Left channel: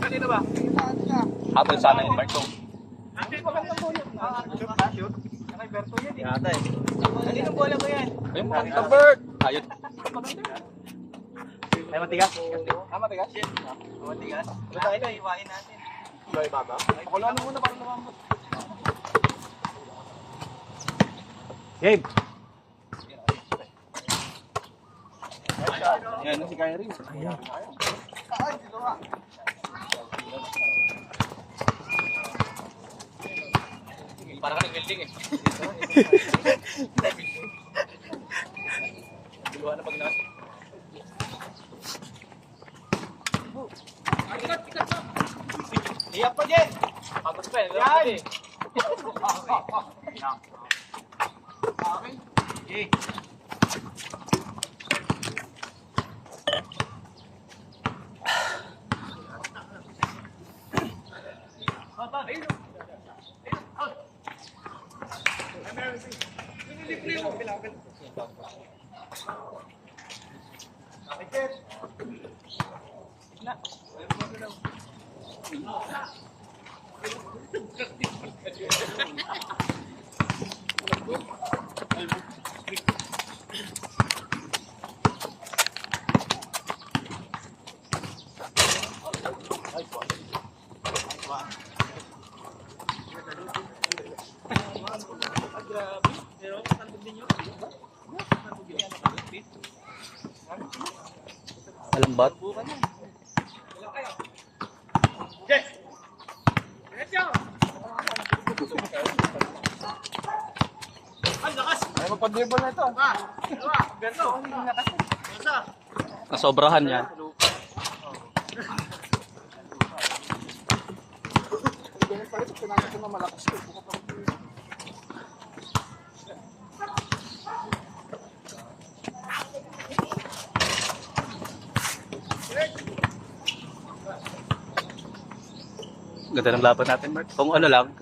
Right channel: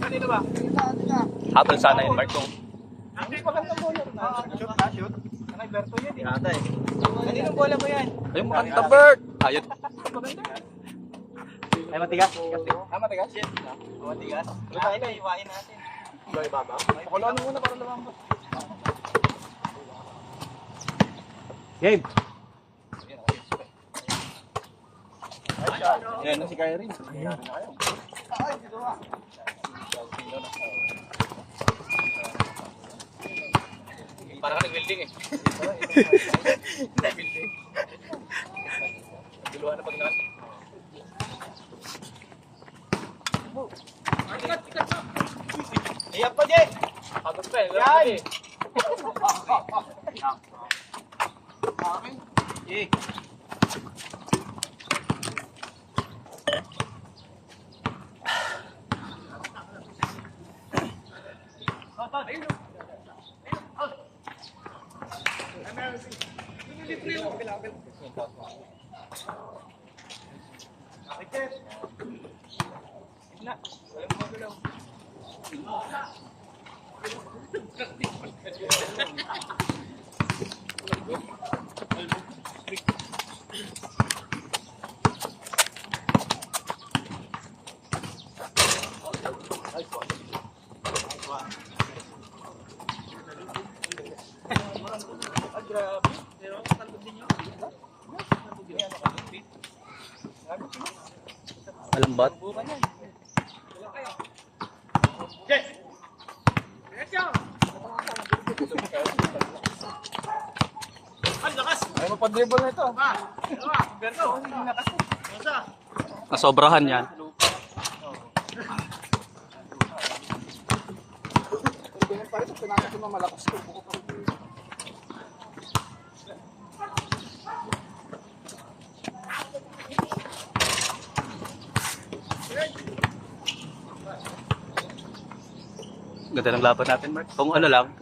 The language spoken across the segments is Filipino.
Kanina ba? Habol sana yung Marco. Shoot. Kanay Berto yan. Di ata eh. Kaninong bola mo yan? Ayun, maganda bird. Ayun. Ay, matigas. Matigas? Matigas. Tayo na, iwain natin. Baba? Pakuluan mo muna para lumambot. Game. Yan, si Kyrie. Ayan. Para ka nag-building eh. Building. Diluhan na pag na. Ikat na. Iyak pa din. Pagod pa eh. Yan. Eh. Ayun. Malambat. Ay, magpa-dribble na ito. Nasobrahan yan. Ganda ng laban natin, Mark. Kung ano lang,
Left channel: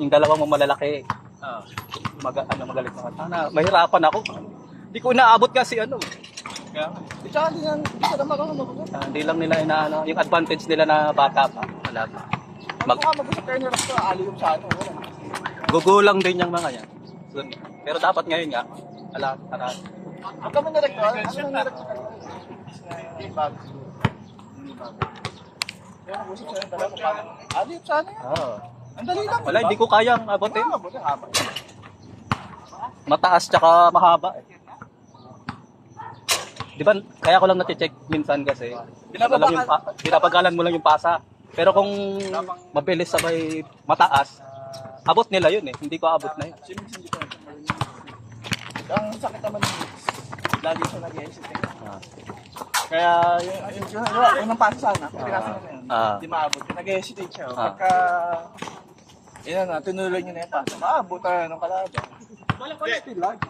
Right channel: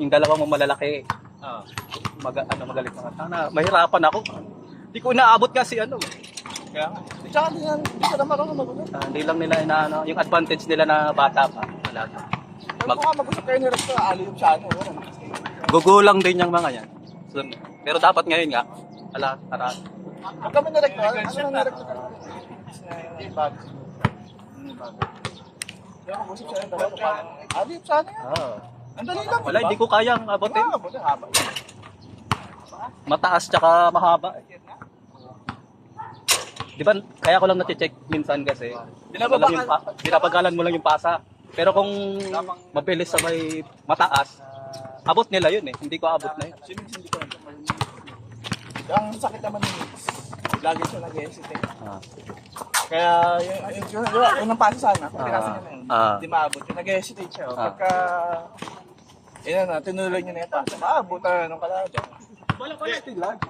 yung dalawang mo malalaki, magalit mga sana. Mahirapan ako. Hindi ko inaabot kasi ano. Kaya, tsaka hindi ka naman ako magulo. Hindi lang nila inaano, yung advantage nila na bata pa. Wala. Mag mag-usap kayo ni Rector, alilong sa ano. Gugulang din yung mga yan. So, pero dapat ngayon nga, tara. Huwag kami ni Rector, ano ni Rector? Hindi bago. Kaya mag-usap sa'yo, dalawa pa paano. Alilong sa ano yan? Ang dali lang. Wala, hindi ko kayang abutin. Buti haba. Mataas tsaka mahaba. Di ba, kaya ko lang na-check minsan kasi pinapagalan mo lang yung pasa. Pero kung mabilis sabay mataas, abot nila yun eh. Hindi ko abot na yun. Hindi ka natin marunong. Ang sakit naman ni Mix. Lagi siya nag-hesitate. Kaya yung pasa sana, kung pinasa niya na yun, hindi maabot. Nag-hesitate siya. Pagka, yun na, tinuloy niya na yung pasa, maabot na ng kalaban. Walang pala ito yung lag.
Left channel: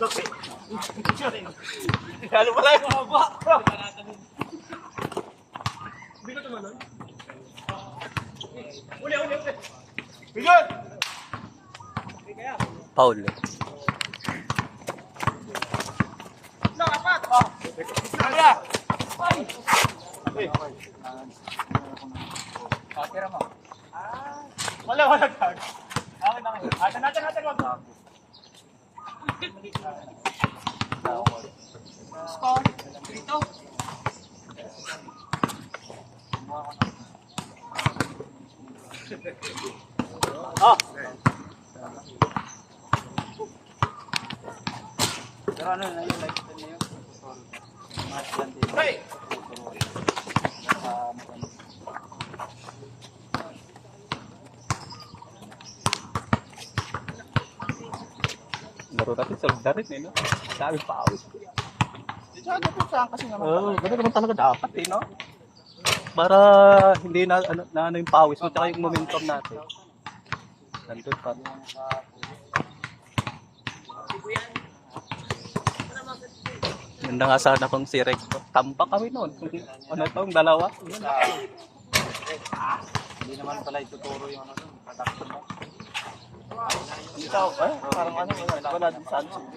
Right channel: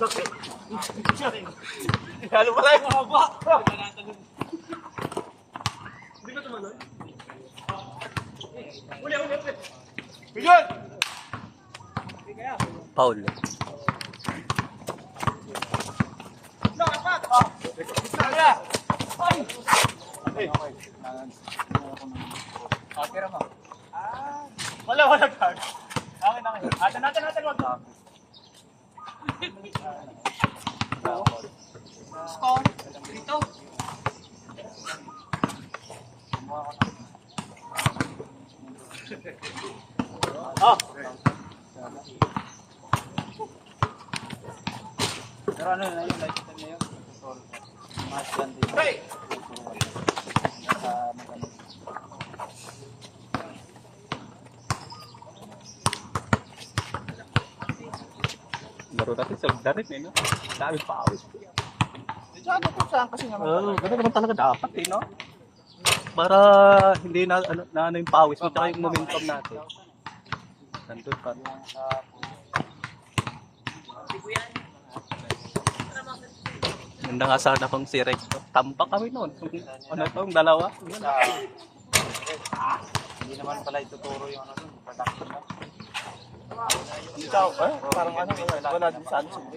Bakit? Lalo pala yung haba. Hindi ka tumalon? Uli. Bigyan! Paul. Apat! Isa ka! Ay! Tira mo. Wala tag. Akin. Natin, wag mo. Score. Dito. Oh. Pero ano na yun? Nakikita niyo yun? Break! Laro natin sa darit eh, no? Dami pawis. Di siya dapat saan kasi naman. Gano'n naman talaga dapat eh, no? Para hindi na ano yung pawis mo, tsaka yung momentum natin. Nandun pa. Ganda nga sana kung si Rex. Tampak kami noon. Ano itong dalawa? Hindi naman pala ituturo yung ano. Ikaw, parang ano, wala din sa ano sila.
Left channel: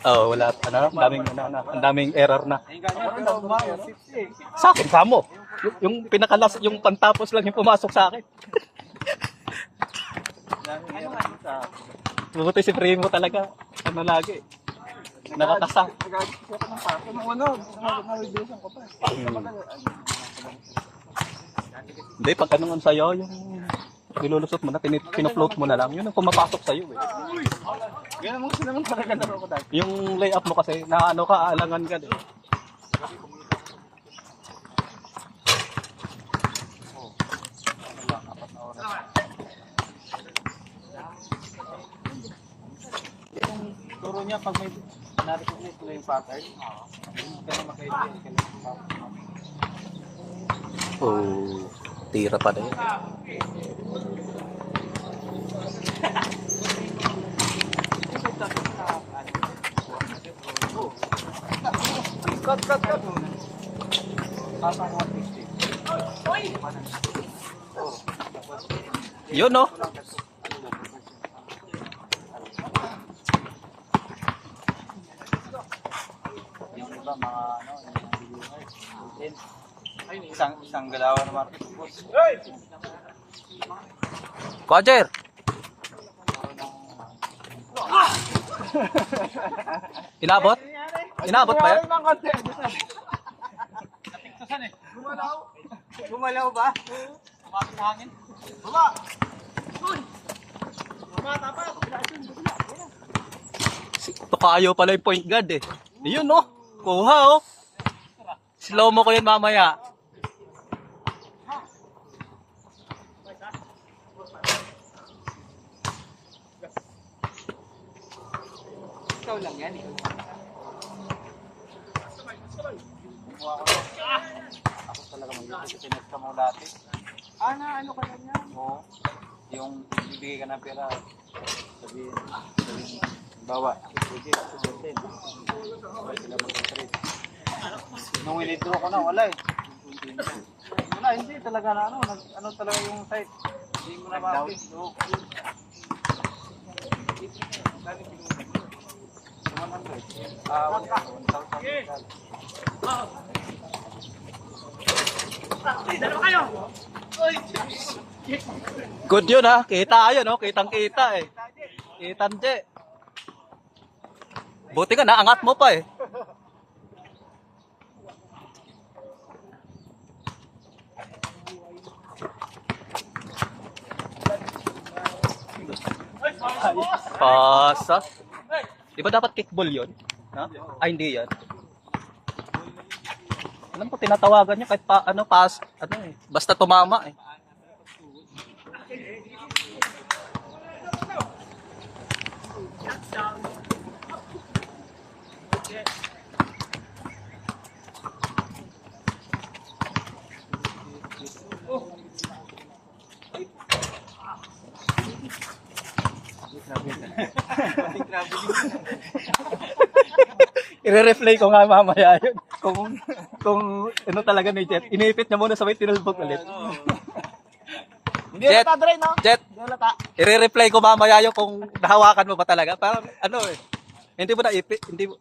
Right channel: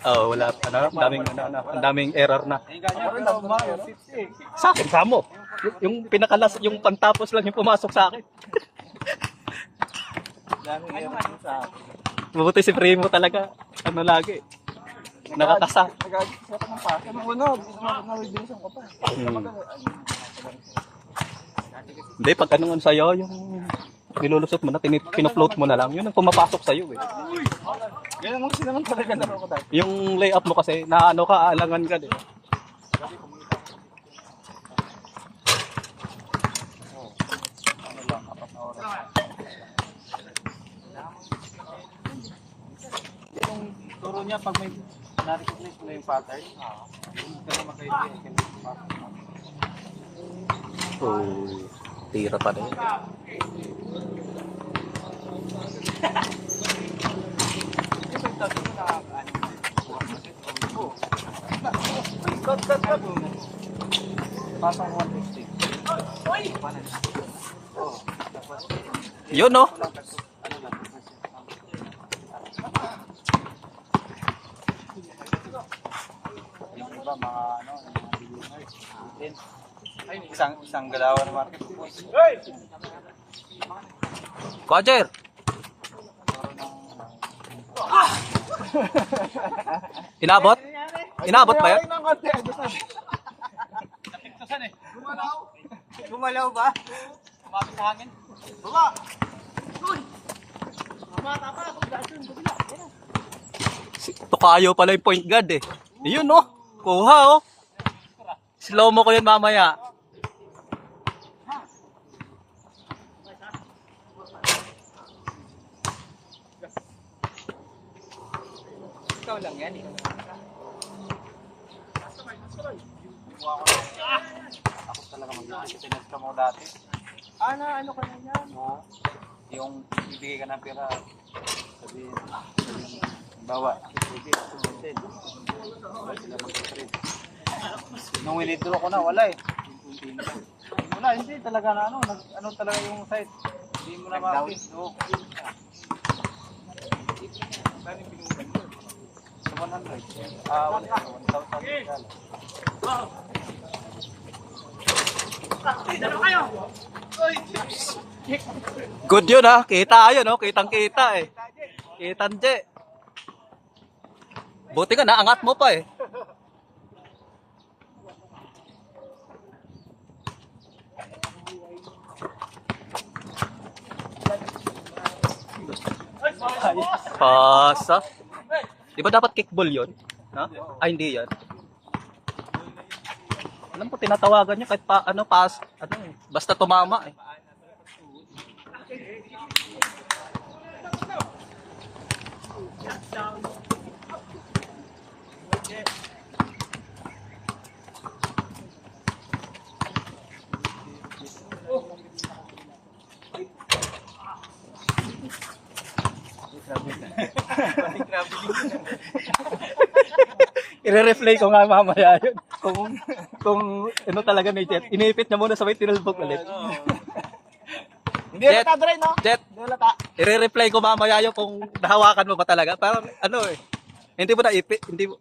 Oh, wala. Ang daming error na. Ako rin, ako Sa akin, kamo. Yung pinakalas, yung pantapos lang yung pumasok sa akin. Buti si Primo talaga. Ano lagi. Nakakasa. Nagagit siya pa ng sasakyan. Nung ano, sumagot na radiation ko pa. Hindi, pag ano sa'yo, yung nilulusot mo na, pinafloat mo na lang, yun ang pumapasok sa'yo eh. Ganun mo kasi naman talaga laro ko dahil. Yung layup mo kasi, na ano ka, aalangan ka din. Turo niya pag may narinig mo yung patay, hindi ka na magkaibigan. Oh, tira pa din. Yun no? Yung iba mga ano, isang galawan naman. Roger! Inabot? Inabot ba yan? Ng konti. Gumalaw ba? Tukayo pala yung point guard eh. Yun no? Kuha oh. Slow mo ko yun mamaya. Ikaw lang yan eh. Kumuha ko lang. Ako talaga mag-pinas ka mo dati. Ano ka na yan? Oo. Yung ibigay ka ng pera. Sabihin, bawa. Nung withdraw ko na, wala eh. Wala, hindi talaga na ano talaga yung site. Hindi mo na ma-update. No. 100. Good yun ha. Kita yun no. Kitang kita eh. Kitan je. Buti ka naangat mo pa eh. Pasa. Di ba dapat kickball yun? Ha? Ay, hindi yan. Alam ko, tinatawagan niya kahit pa, ano, pass, ano eh. Basta tumama eh. I-replay ko nga mamaya yun. Kung ano talaga ni Jet. Iniipit niya muna sa may tinulbog ulit. Hindi Jet. halata, Dre, no? Jet, Hindi halata. i-replay ko mamaya yun kung nahawakan mo ba talaga. Parang ano eh. Hindi mo naipit. Hindi mo.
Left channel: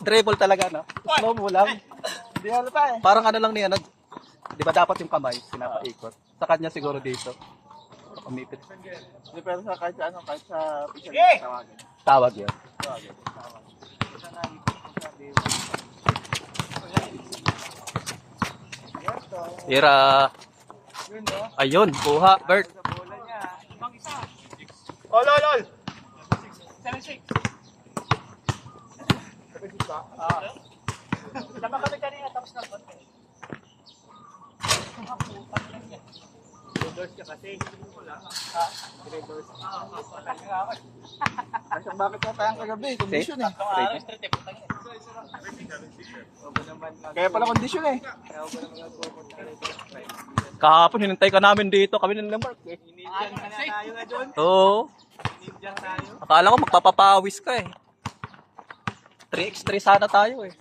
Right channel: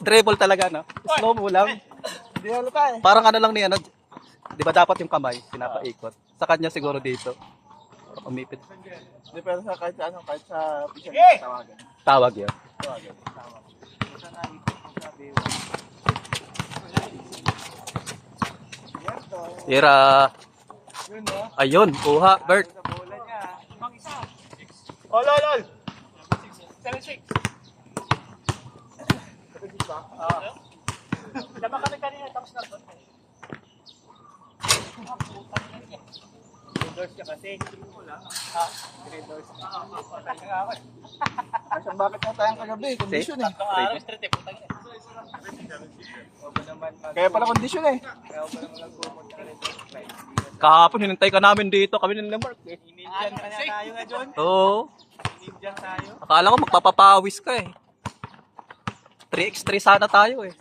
Dribble talaga, no? Slow mo lang. Hindi halata eh. Parang ano lang niya, ano, di ba dapat yung kamay, pinapaikot. Sa kanya siguro dito. Umipit. Hindi, pero sa kahit sa ano, kahit sa official tawagan. Tawag yun. Tawagan. Ira. Yun, no? Ayun, kuha, Bert. Lol! 76. 76 ba? Tama kami kanina tapos na ba? Reverse ka kasi. Reverse. Asang bakit na tayong kagabi? Kondisyon eh. Kaya pala kondisyon eh. Kahapon, hinintay ka namin dito. Kami ng Mark. Inindyan ka na tayo na dyan. Oo. Inindyan tayo. Akala ko magpapapawis ka eh. 3x3 sana tayo eh.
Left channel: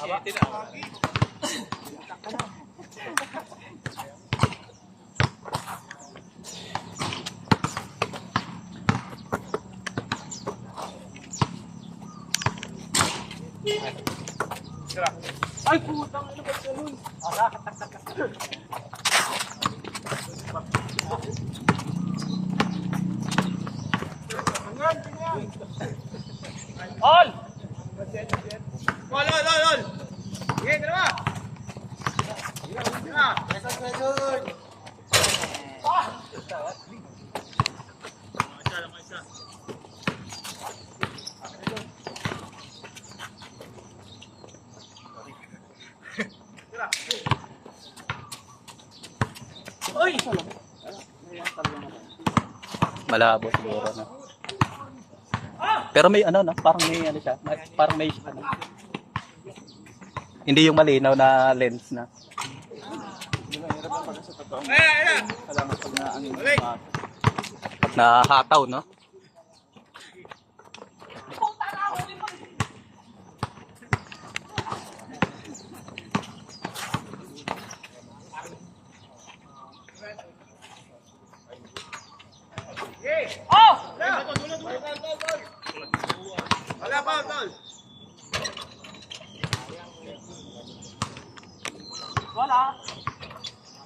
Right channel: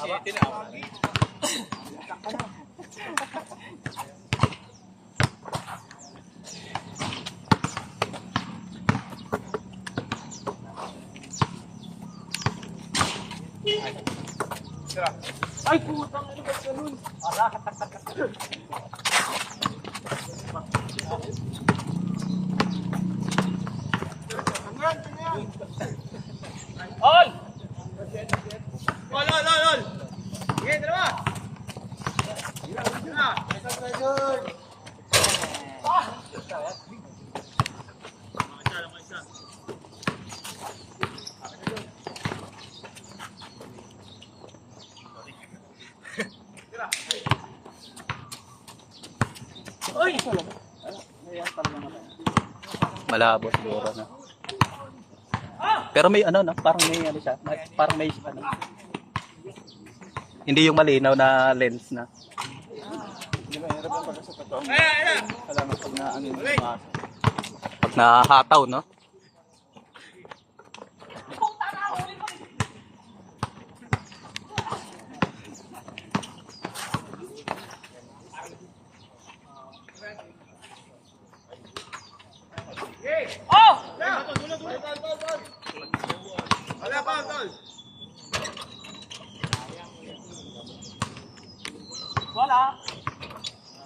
7 na. Ay, putang ano ba ito nun? All! Ol! Sige, dalawa! Uy! Malabo siguro na. Pero may ano na, parang may ano siya, parang may ano. Hindi yung malinaw na lens na. Pag nahataw, no?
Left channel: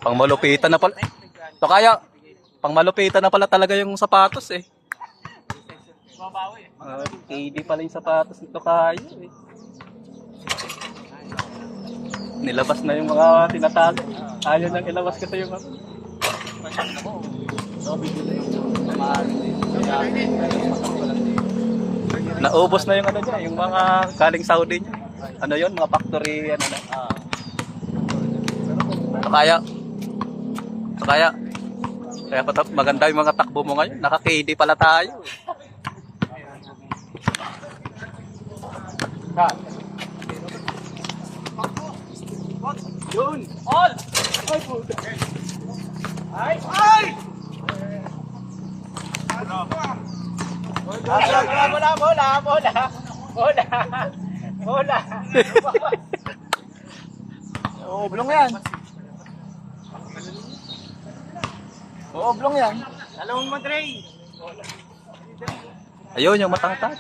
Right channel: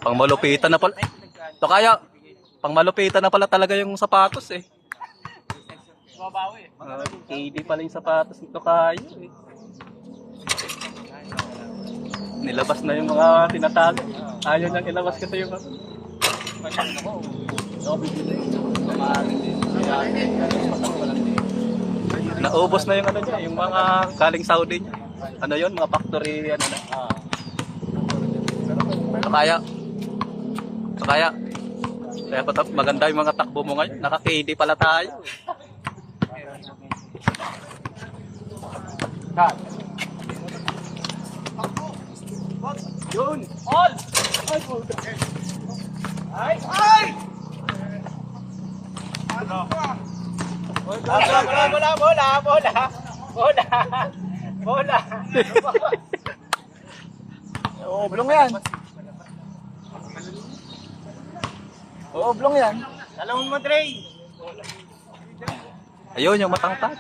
Pang malupitan na pala. To kaya, pang malupitan na pala talaga yung sapatos eh. KD pala yung sapatos nito kaya eh. Nilabas na yung mga tinatago. Ayaw nang ilabas kasi yung naubos na yung ano niya, yung mga galing Saudi niya. Ano yon, mga factory ano na. Kaya maganda yung mga takbo mo ngayon. Naka-KD pala tayo. Yun! All! Ay! Bola! Oo, oblong yan. Oo, oblong yan. Dalawang mo, Dre! Ayun, yung matangkad.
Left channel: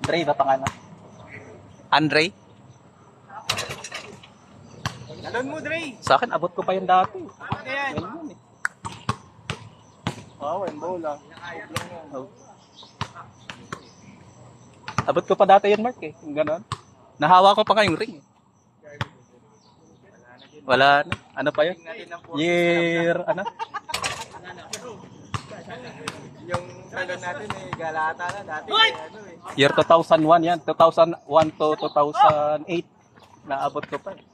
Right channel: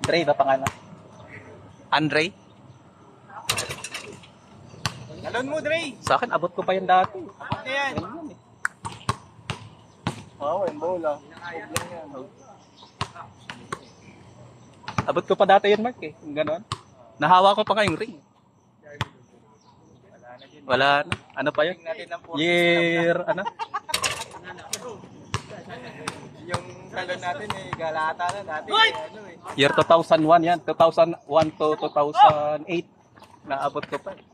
Andre ba pangalan? Andre? Dalawang mo, Dre! Sa akin, abot ko pa yan dati. Ano yan? Ganyan eh. Oo, yung bola. Oblong yan. Abot ko pa dati yan, Mark eh. Yung ganon. Nahawa ko pa ngayong ring. Wala na. Ano pa yun? Year, ano? Yung tagal natin eh, galata na dati. Ano eh. Year 2001 yan. 2001 to 2008. Naabot ko pa eh.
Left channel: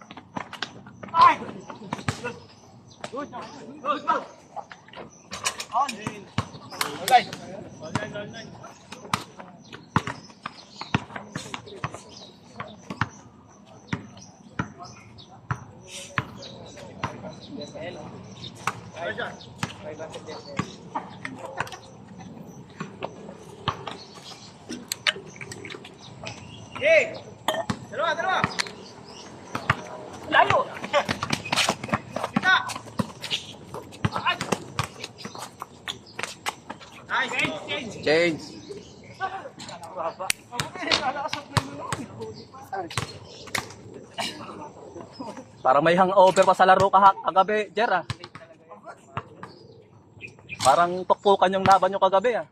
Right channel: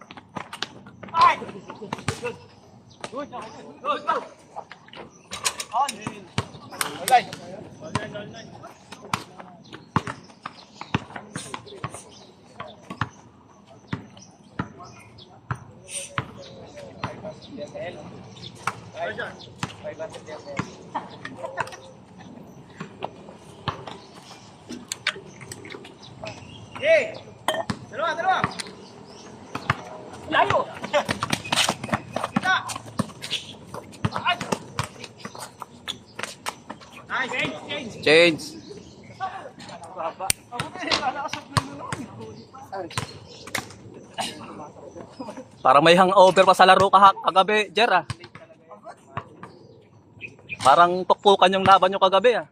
Hey! Dalawa! Layo! Kita! Change. Parang may hangover pa sa laro kagabi, Jer ah. Parang tukpukan yung laban nyo kagabi ah.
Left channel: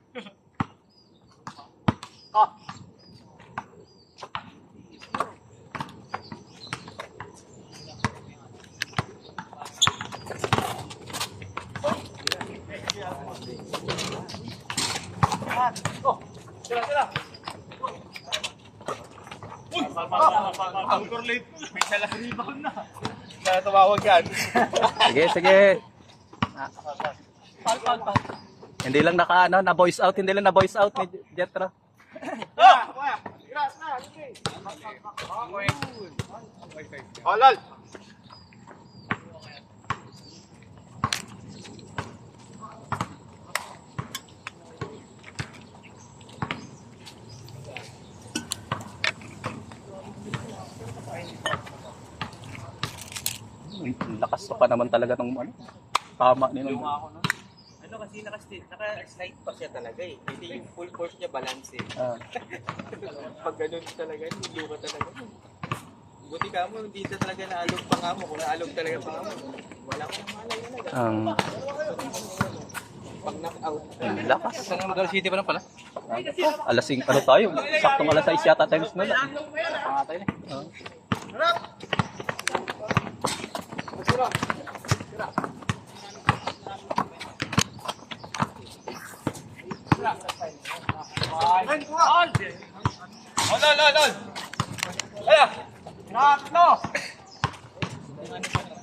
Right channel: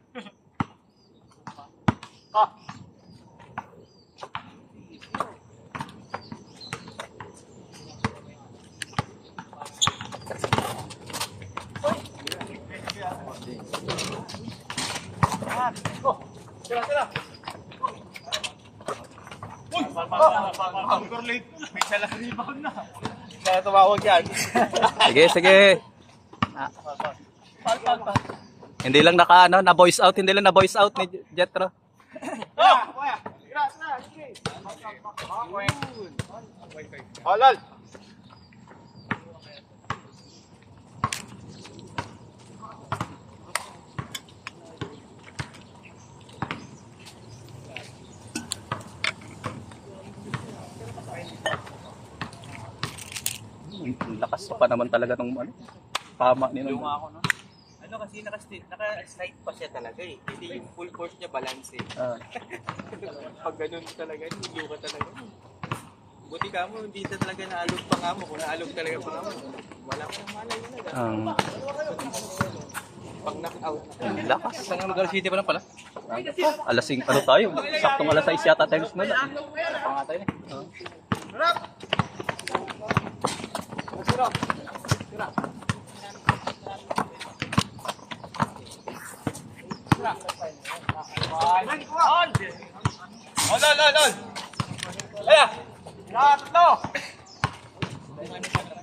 Kaya tumawag yan. Sige. Hindi lang na voice out, hindi lang na voice out ni Jetro. Olol! Ang lakas pa naman talaga ng ano, tama ni Yung Nung. ako no. Ano kasi naka-slide pa siya talaga eh. Hindi yung full force niya balance eh. Ah, Pag ganun talaga, hindi ka talaga. Buti ka mo, hindi talaga naalog pa nga mo. Kung naalog talaga pa nga mo, wala akong malay na ang pag knock-out. ang lakas. Isang lugar city pa na pala. Alas 5 ano tayo? Saktong alas 6 yata tayo mo. Pangatay na.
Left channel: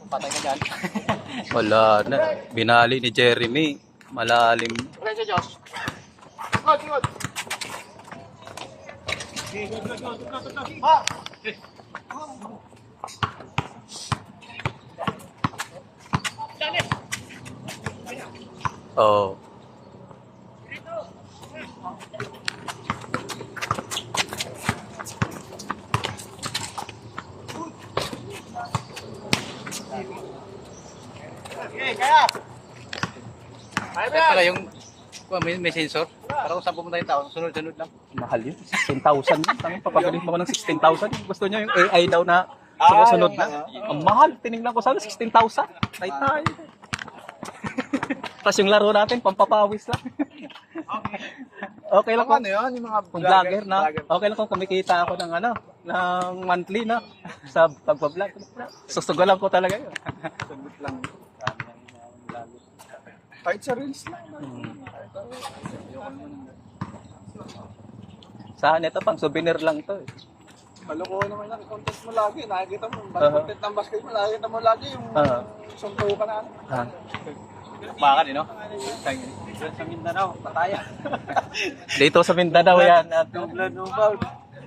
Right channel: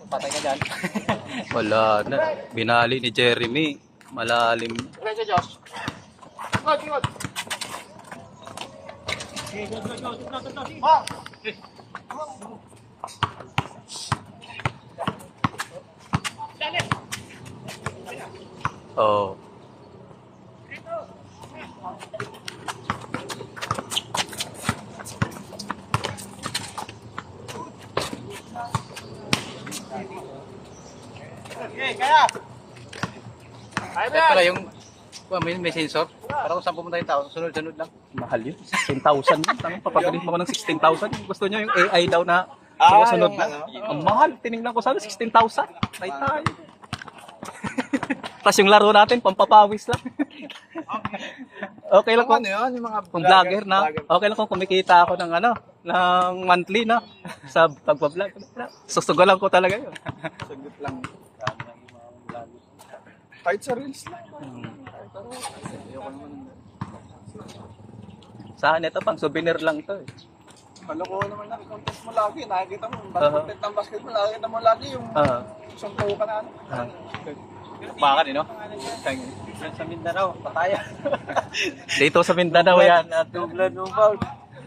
Patay na dyan. Wala na. Binali ni Jeremy. Malalim. Oh. Pala yung may sensor. Para kung saan pumunta yung tao, sunod-sunod lang. Mahal yun. 16,000 yun. Tangang papagaling mo ko ng 16,000. Gusto nyo yung AI daw na sunod na. Ang mahal. Tinignan ko sana 16,000. Ay tayo. Tapos yung laro natin, pampapawis lang. Okay lang kung, Ano yun, yung mga kung vlogger na. Okay lang kung kumikita ako ng ano, ng monthly na sa pagbablog. Susugalan ko talaga yun. Sagot lang. Dami lang yung mga vlogger. Kahit sa reels lang. Saan ito pang souvenir lang to eh. Kalokohan naman lang, content mo lagi. Nakikita mo, content ng basketball, nakikita mo lagi yung suntukan na. Bakit, no? Kaya sa Mindanao, pataya. Dito sa Mindanao yan. At Nubla, nubal.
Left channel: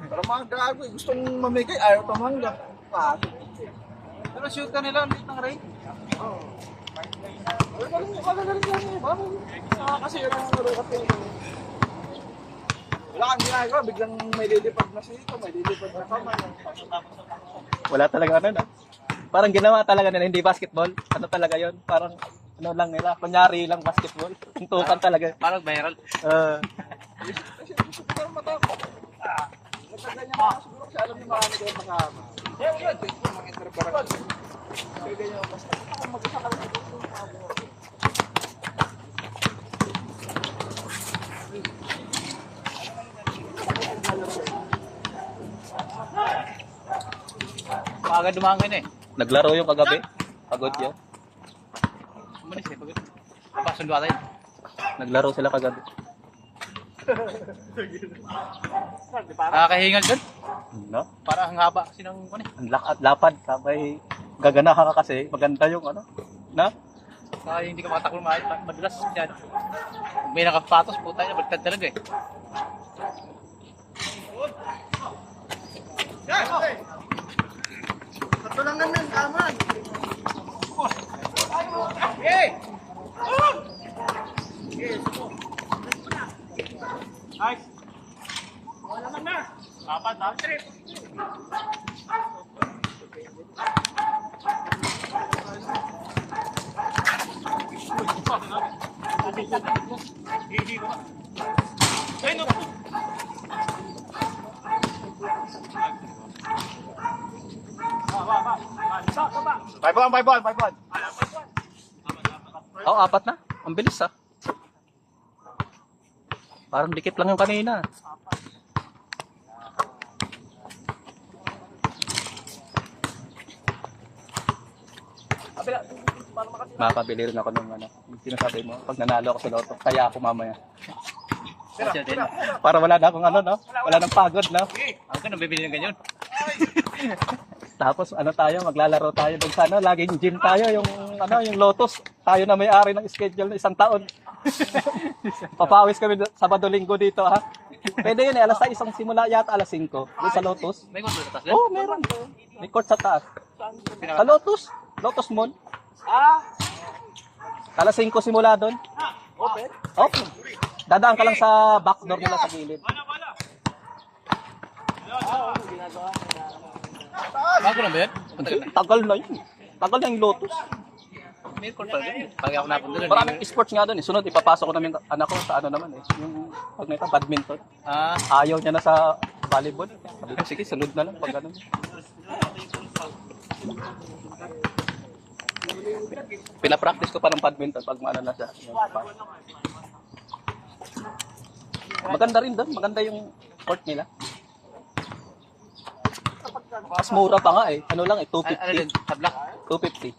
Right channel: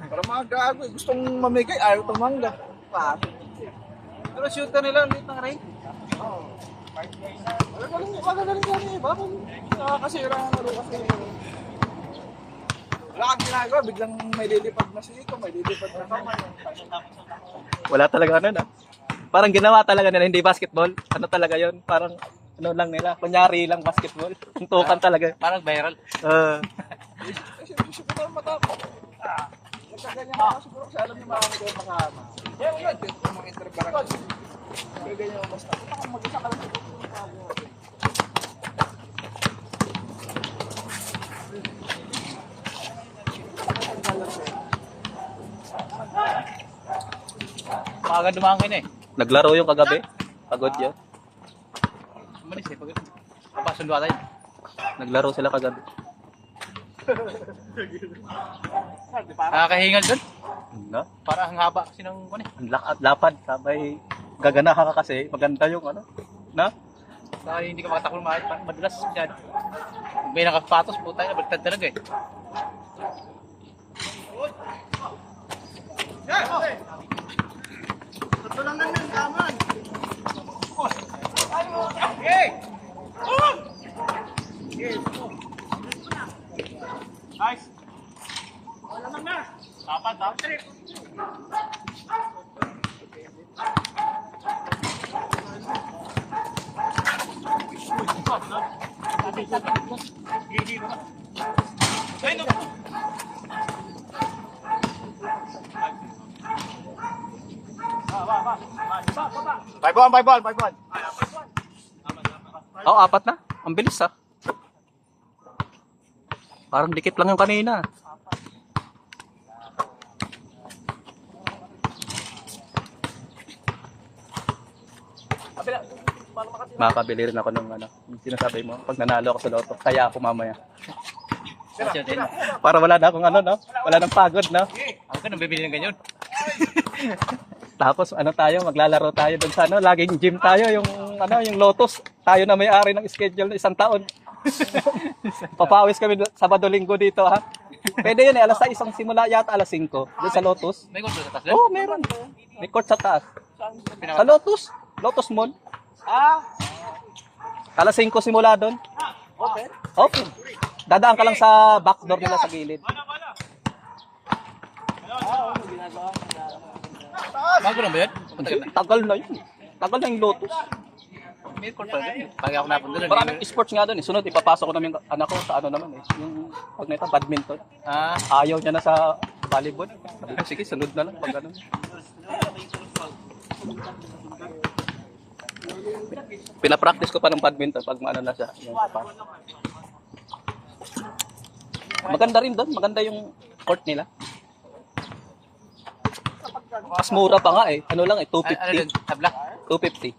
Para mga gago, gustong mamigay, ayaw tumangga. Pero shoot ka nila, ulit ng rain. Kasi wala nang laro kasi. Wala kang ginagawa, biglang may lilipad na siko, may lilipad na sama. wala talaga ano na. Parang ginawa talaga nila, hindi basketball. Ano talaga yon? Parang ano lang nila, kunyari lang basketball. Tuntukan talaga. Parang viral. Kasi gusto ko lang matakot. Nagkaganyan ako siguro kasi alam yung mga mga mga interbarang. Kaya ganyan basta. Mag-isa ka lang. Maaga dumangin eh. Naglaro yung kagabi. Pagod yun. Umalis eh, pagod. Napasundo tayo. Naglaro sila kagabi. Nakakahingal dun. No? Para ang haba kasi ng ano eh. Ang lapad. Sabay gaganahan ka kasi. Maganda yung ano. Na? Saka hindi ka makatakbo madulas dyan. Pag may nakapatos, puta na, bagtad talaga eh. Five one. Oh, apat na. Ang bilis ah. Parang dikit lang yung kanina. Makakabili rin ako ng ano, yung sinasabi mo, pag nanalo ako sa loto, kaya ako mamaya. Para wala na akong ano, no? Wala nang pagod, no? Ang ganun, bibili ng ganyan. Tapos ano tayo, maglalaro tayo dun sa ano, laging gym tayo, yung ano, yung Lotus. Tayo na may-ari ng schedule ng isang taon. Papawis kami Sabado Linggo dito, ha? Pwede yun eh, alas 6 ang simula yata, alas 5. Doon sa Lotus. May gusto sa taas Oo, oh, meron. May court sa taas. Sa Lotus. Lotus Mall. Alas 5 simula doon. Open? Okay. Dadaan ka lang sa back door nila sa gilid. Bago na ba yan? Tagal na yun. Tagal ng Lotus. May court pa doon. Pag ako napunta doon. Maraming sports nga doon eh. Sunod, ipapasok ko namin anak ko sa ano naman eh. Yung pag nito, badminton. Ayaw niya na sa volleyball. Sabi ko, sige, sunod na lang pag ano. Pinapractice ko pa ng badminton pag maano na siya. Maganda rin doon. Maganda yung court nila. Mas mura pa nga eh. Ano lang eh, 250. Tabla? 250.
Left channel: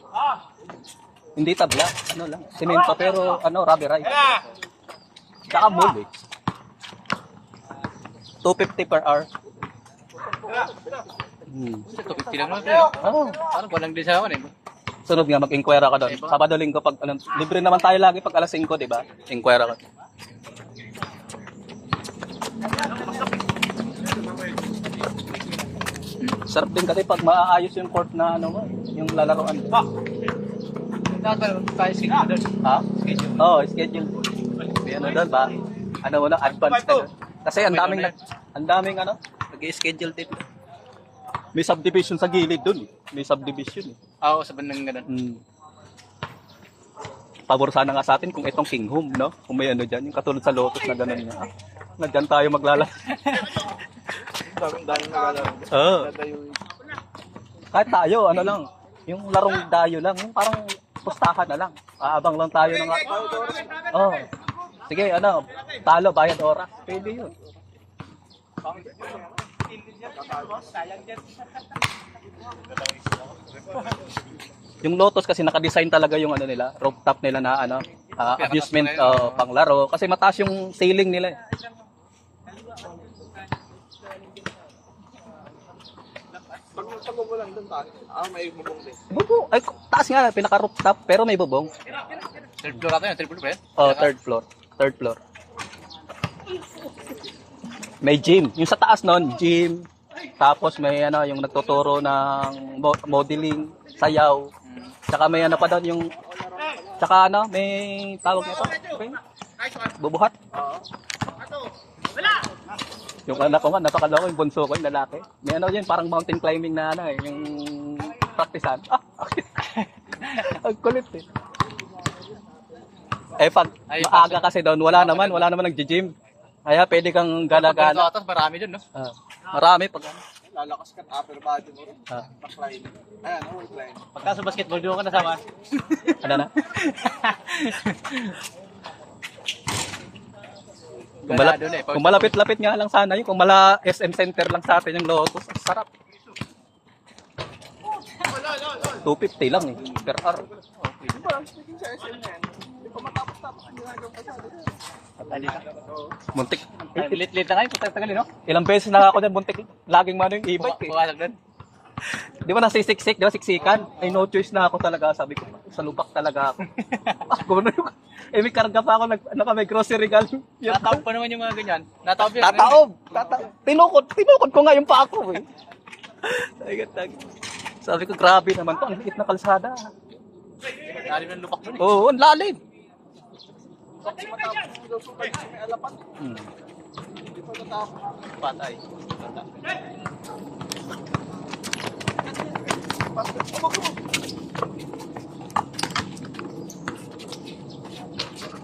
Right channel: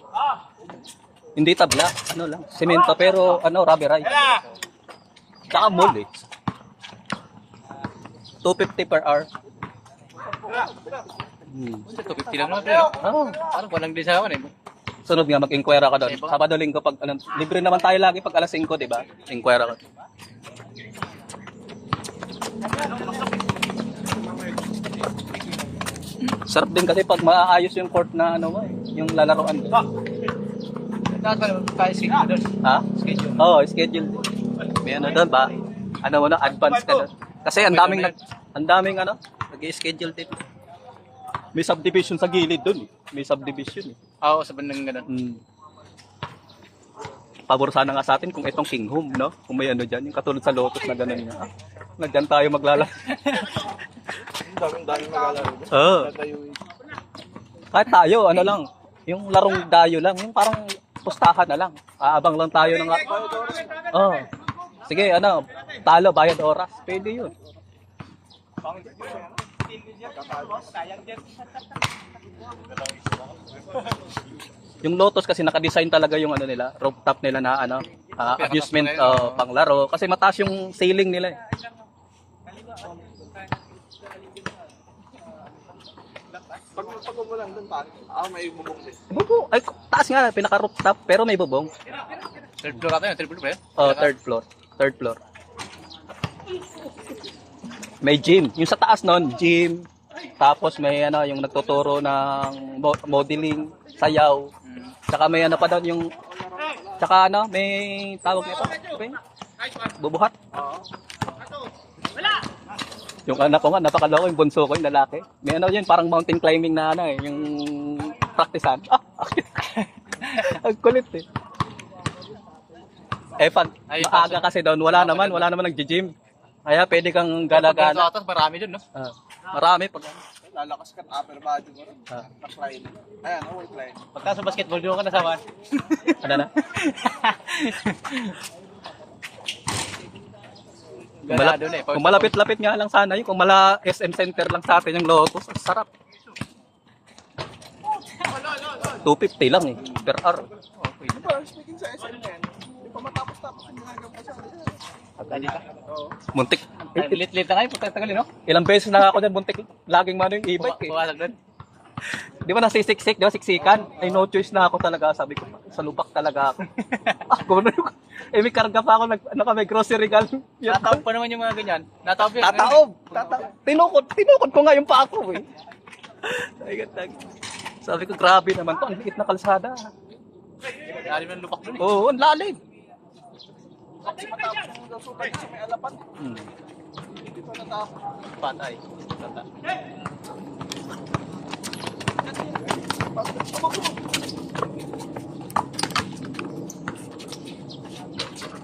Hindi tabla, ano lang, semento pero ano, rubberized. Tsaka mold eh. 250 per hour. 250 lang naman. Parang walang din sa akin eh. Sunod nga, mag-inquire ka doon. Sabado, linggo, pag, ano, libre naman tayo lagi pag alas 5, di ba? Inquire ka. Sarap din kasi pag maayos yung court na ano, yung lalaroan. Tayo schedule doon. Ha? Schedule. Oo, schedule. May ano doon ba? Ano mo na, advance ka doon. Kasi ang daming ano, nag-schedule din. May subdivision sa gilid doon. May subdivision. Oo, sa bandang ganun. Pabor sana nga sa atin kung itong King Home, no? Kung may ano dyan, yung katulad sa Lotus na gano'n nga. Na dyan tayo maglalaro. Daming magalaro. Oo. Kahit tayo, ano lang, yung larong dayo lang, yung parang pustahan na lang. Aabang lang tayo ng... Oh. Sige, ano, talo, bayad oras. Pwede yun. Yung Lotus kasi naka-design talaga yung ano nila, rooftop nila na ano, amusement panglaro kasi mataas yung ceiling nila eh. Pag umulan doon, may bubong din. Bubong, ay taas nga, pinaka-rooftop pero may bubong. Third floor ata yun, third floor ba yun? Oh, third floor. Third floor. May gym. Yung sa taas nun, gym. Tapos may ano, yung nagtuturo ng modeling, sayaw. Tsaka may ano pa doon yung tsaka ano, may tawag nito. Okay? Bubuhat. Yung anak ko nga, napakaloko yung bunso ko, yung lalaki. May ano yun, parang mountain climbing na ano eh, yung practicean. Ang kulit eh. Eh pag maaga kasi doon, wala naman nag-gym. Kaya pwede kang gala-gala. Pag marami doon, no? Marami pag Lalakas ka, upper body mo rin. Na-climb. Ayan, weight line. Pagka sa basketball, doon ka nasama. ano na? Kung malapit-lapit nga lang sana yun, kung mala SM Center lang sa atin yung Lotus, ang sarap. 250 lang eh, per hour. Speaking sa SM na yan, hindi pa matapos-tapos yung ginagawa pa sa Muntik. Lit-lit na kayo, pagkatagal, no? Ilang beses na ako dyan, muntik. Laging mano yung e-bike eh. Puwalag doon. Di ba nasisiksik, di ba siksikan? Ay no choice na ako talaga, sabi ko, sa lubak talaga ako. Gano'n yung, may karga pa ako, may grocery gal. Nataob pa naman yung mga ganyan. Nataob yun. Tataob. Tinukod ko nga yung pa ako eh. Sabi ko, grabe naman po, ang liit na kalsada. Lalim ng lupak doon eh. Oo, ang lalim. Patay.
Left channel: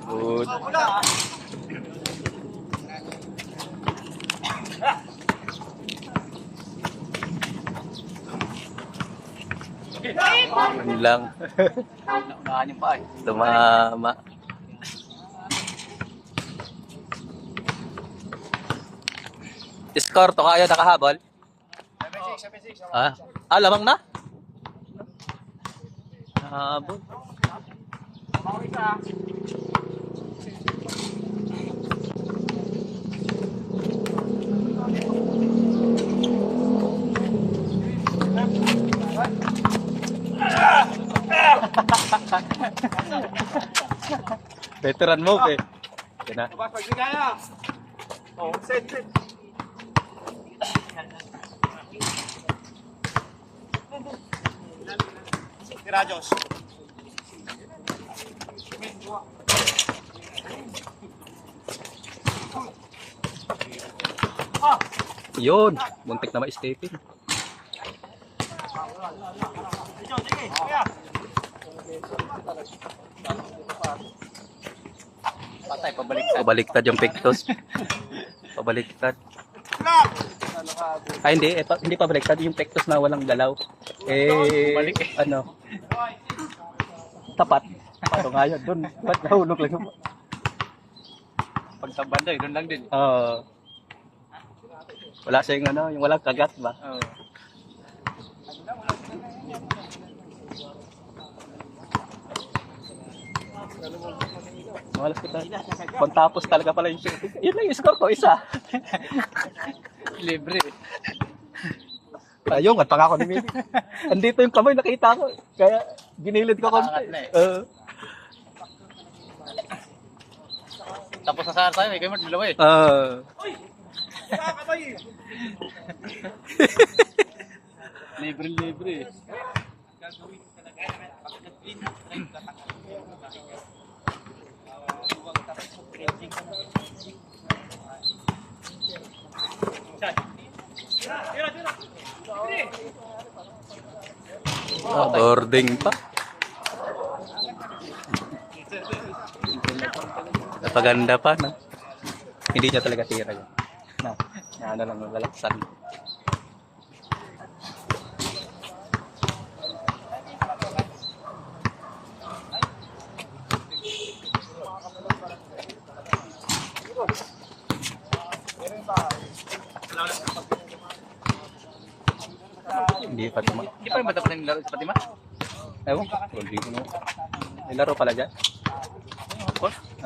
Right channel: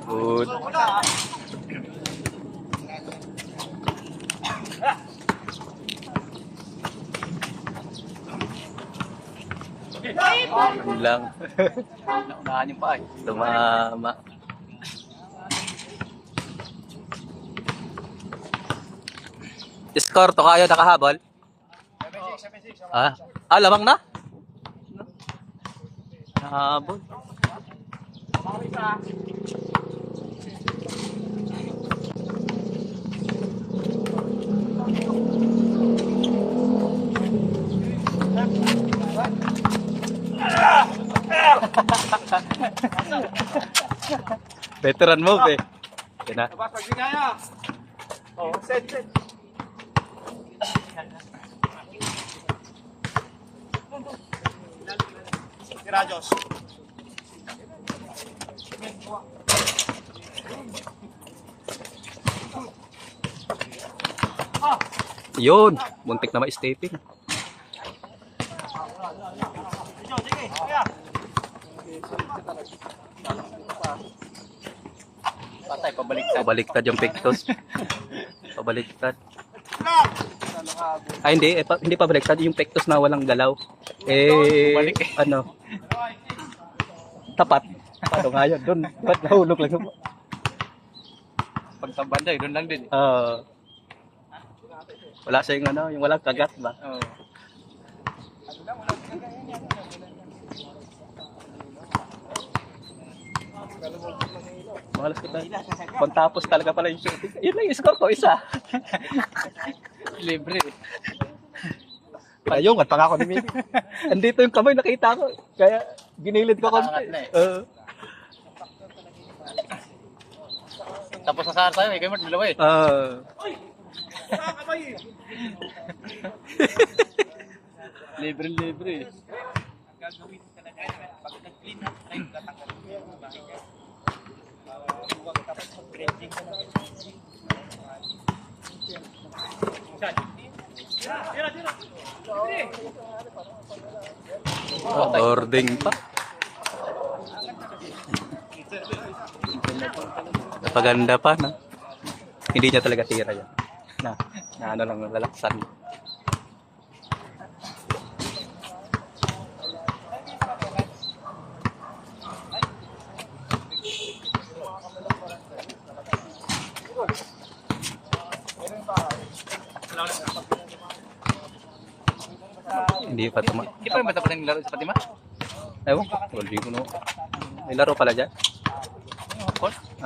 Good. Ano lang. Naunahan yung paa eh. Tumama. Score to kayo nakahabol? 7-6. Lamang na? Habol. Veteran move eh. Yan na. Labas, pag kaya. Oh, set. Rajos. Yun, muntik na ma-stepping. Patay, pabaliktad. Pabaliktad yung pectus. Pabaliktad. Ay, hindi. Hindi pabaliktad. Yung pectus na walang galaw. Ano? Tapat. Paano nga yun? Doon. Ba't nahulog lang yung... Pag sa banda, doon lang din. Wala sa yung ano, yung walang kagat ba? Oo. Malas kita. Pagtapos talaga pala yung shooting. Yun lang yung score ko, isa. Libre. Ayun, at pangako ni Mimi. Andito yung kamay, nakita ko. Kaya ginilid ko konti. Tapos nasahar tayo, kayo mo dalawa eh. Libre. Boarding pa. Napaganda pa, no? Hindi niya talaga tira yan. Na ano lang, lalaksan. Hindi pa tuma. Hindi pa yung bata pa rin laro sa Fatima? Ewan ko, hindi ko no. May laro pala dyan?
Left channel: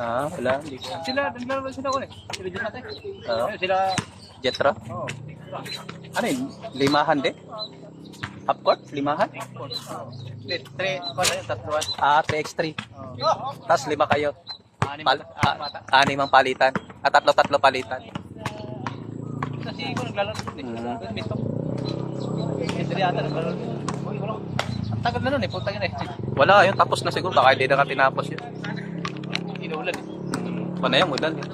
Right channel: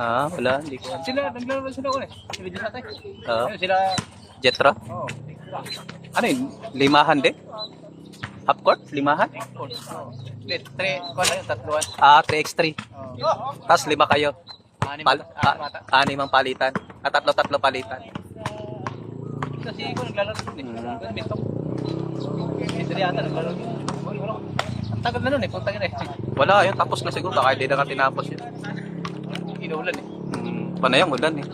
Wala, hindi ko. Naglaro sila ko eh. Sila dyan natin. Oo. Sila... Jetro? Oo. Ano yun? Limahan din? Half court? Limahan? 3, kung ano yung tatluan. 3x3. Tapos 5 kayo. Anim Ang palitan. Tatlo palitan. Kasi ko naglalaro din eh. Bitok. Hindi yata naglalaro din. Ang tagal na nun eh. Punta ka eh. Wala, yun. Tapos na siguro. Baka hindi na ka tinapos yun. Inuulan eh. Panayang ulan eh.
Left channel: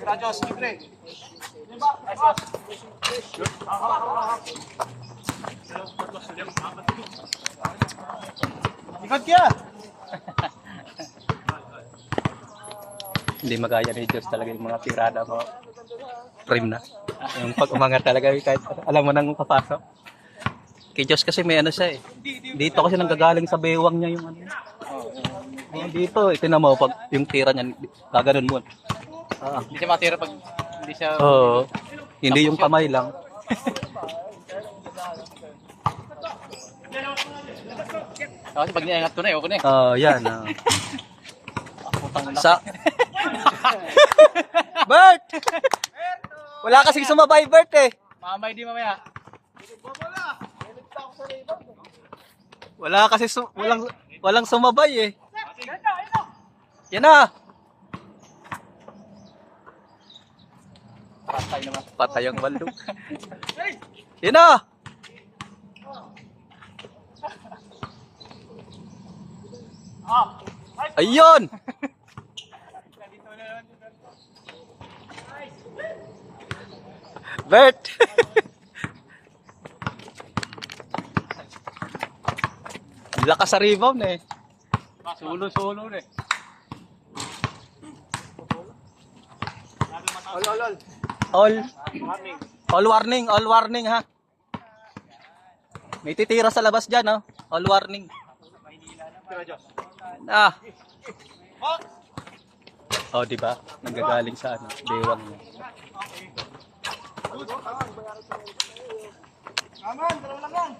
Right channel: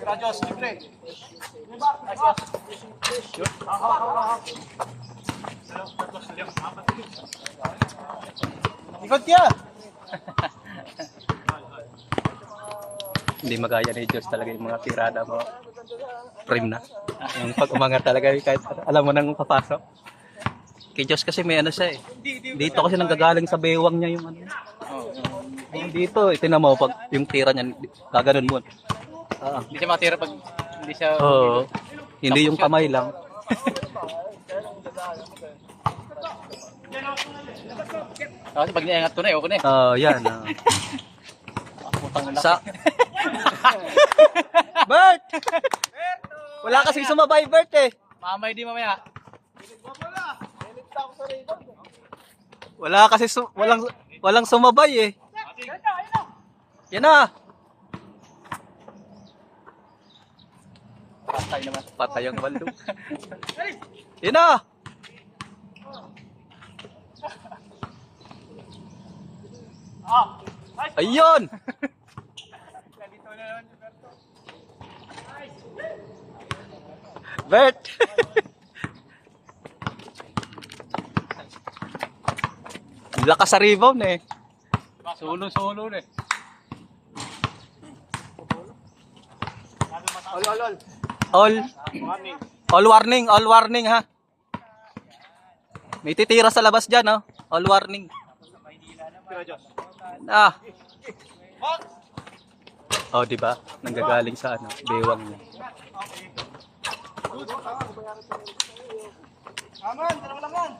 Rajos, libre. Ikot kaya. Hindi magaya ni Diyos talaga yung mga tirada mo. Trim na. Yung pag umangat talaga, kahit alam mo nang kapasok. Kay Diyos kasi may ano siya eh. Dito kasi nanggagaling sa bewang niya yung ano. Dito, itinan mo pag yung tira niya, gaganon mo. Hindi siya matira pag hindi siya... Oo. Hindi yung kamay lang. Kasi pag niangat ko na, ayoko na eh. Yan. Putang na. Sa... Bert! Wala kasing sumabay, Bert eh. Mamay di mamaya. Wala kasi walang sumabay eh. Yan na. Patay naman. Patay ang baldo. Yan na. Ayun. Bert. Lakas sa rebound eh. Solo na eh. All warning ha. May titira sa labas diyan, oh. All warning. Oh, di ba? Nanggagaling sa ano, bewang niya. Aman, dalawa lang yan.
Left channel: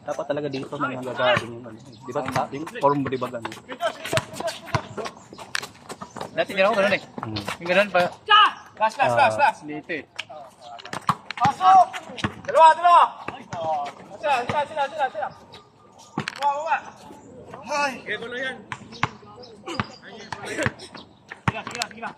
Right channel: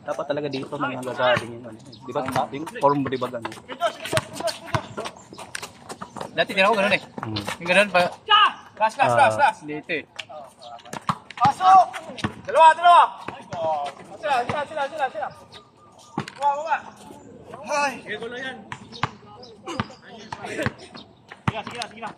Dapat talaga dito nanggagaling yung ano. Di ba? Yung form mo, di ba ganun? Dati din ako ganun eh. Yung ganun pa. Last. Dito eh. Pasok! Dalawa! Sila. Baba. Ay! Gego na yan. Sige na.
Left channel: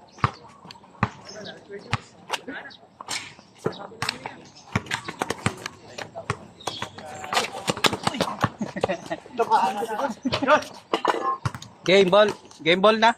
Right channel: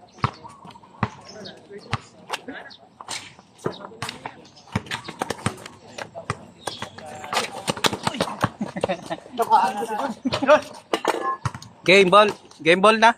Game ball. Game ball na.